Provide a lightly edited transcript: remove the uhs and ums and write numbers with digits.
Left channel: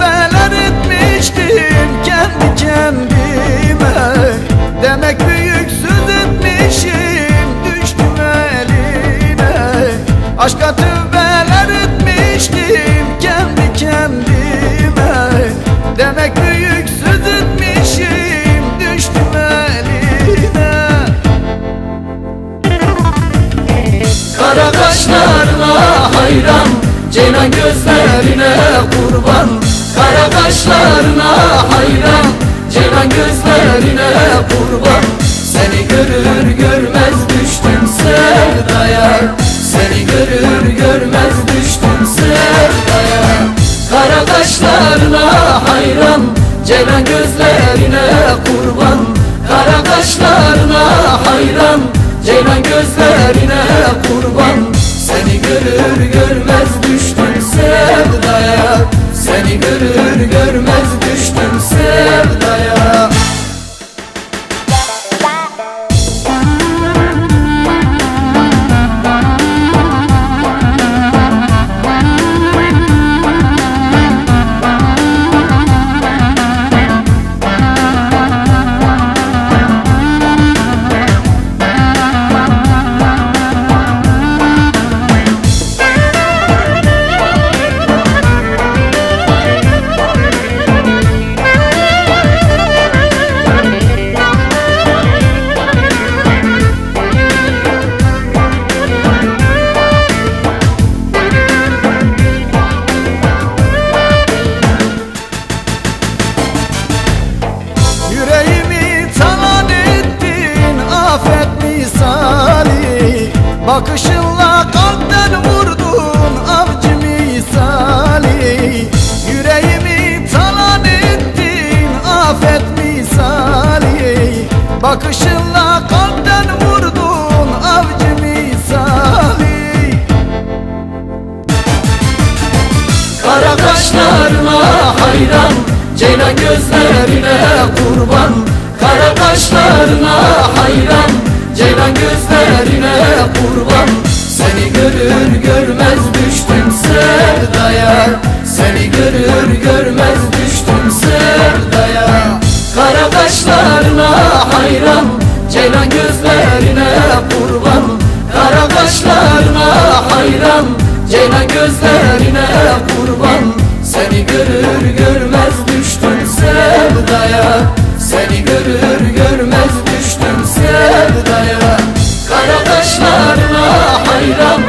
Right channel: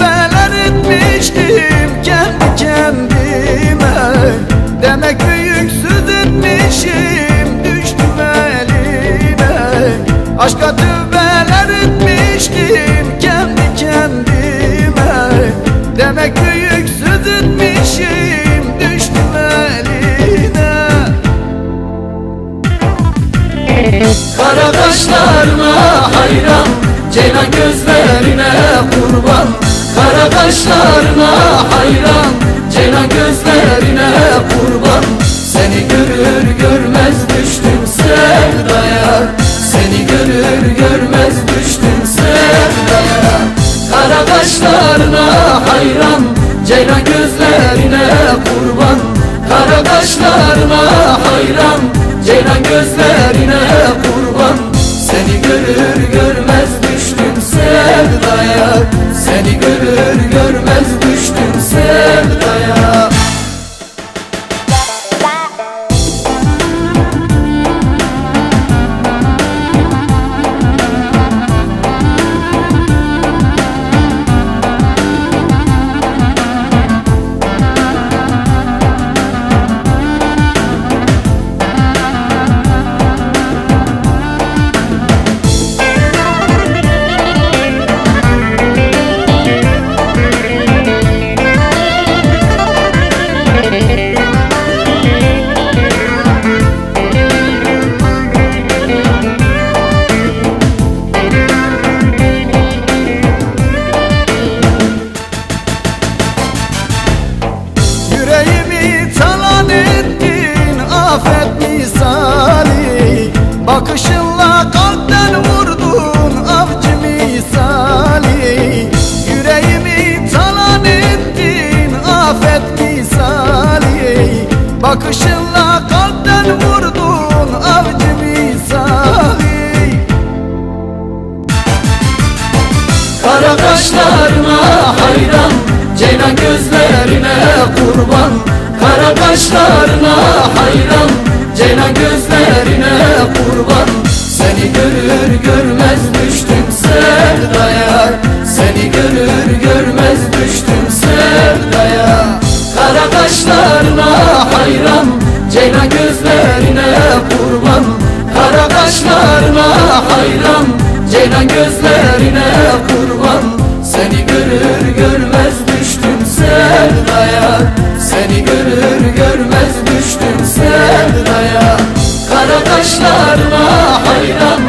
tövbeler etmiştim kendi kendime. Demek büyüksüz etmişim, düştüm eline. Aşka tövbeler etmiştim kendi kendime. Demek büyüksüz etmişim, düştüm eline. Kara kaşlarına hayran, ceylan gözlerine kurban. Kara kaşlarına hayran, ceylan gözlerine kurban. Seni görür görmez düştüm sevdaya. Seni görür görmez düştüm sevdaya. Kara kaşlarına hayran, ceylan gözlerine kurban. Kara kaşlarına hayran, ceylan gözlerine kurban. Seni görür görmez düştüm sevdaya. Seni görür görmez düştüm sevdaya. Yüreğimi talan ettin afet misali. Bakışınla kalpten vurdun avcı misali. Yüreğimi talan ettin afet misali. Bakışınla kalpten vurdun avcı misali. Kara kaşlarına hayran, ceylan gözlerine kurban. Kara kaşlarına hayran, ceylan gözlerine kurban. Seni görür görmez düştüm sevdaya. Seni görür görmez düştüm sevdaya. Kara kaşlarına hayran, ceylan gözlerine kurban. Kara kaşlarına hayran, ceylan gözlerine kurban. Seni görür görmez düştüm sevdaya. Seni görür görmez düştüm sevdaya. Kara kaşlarına hayran,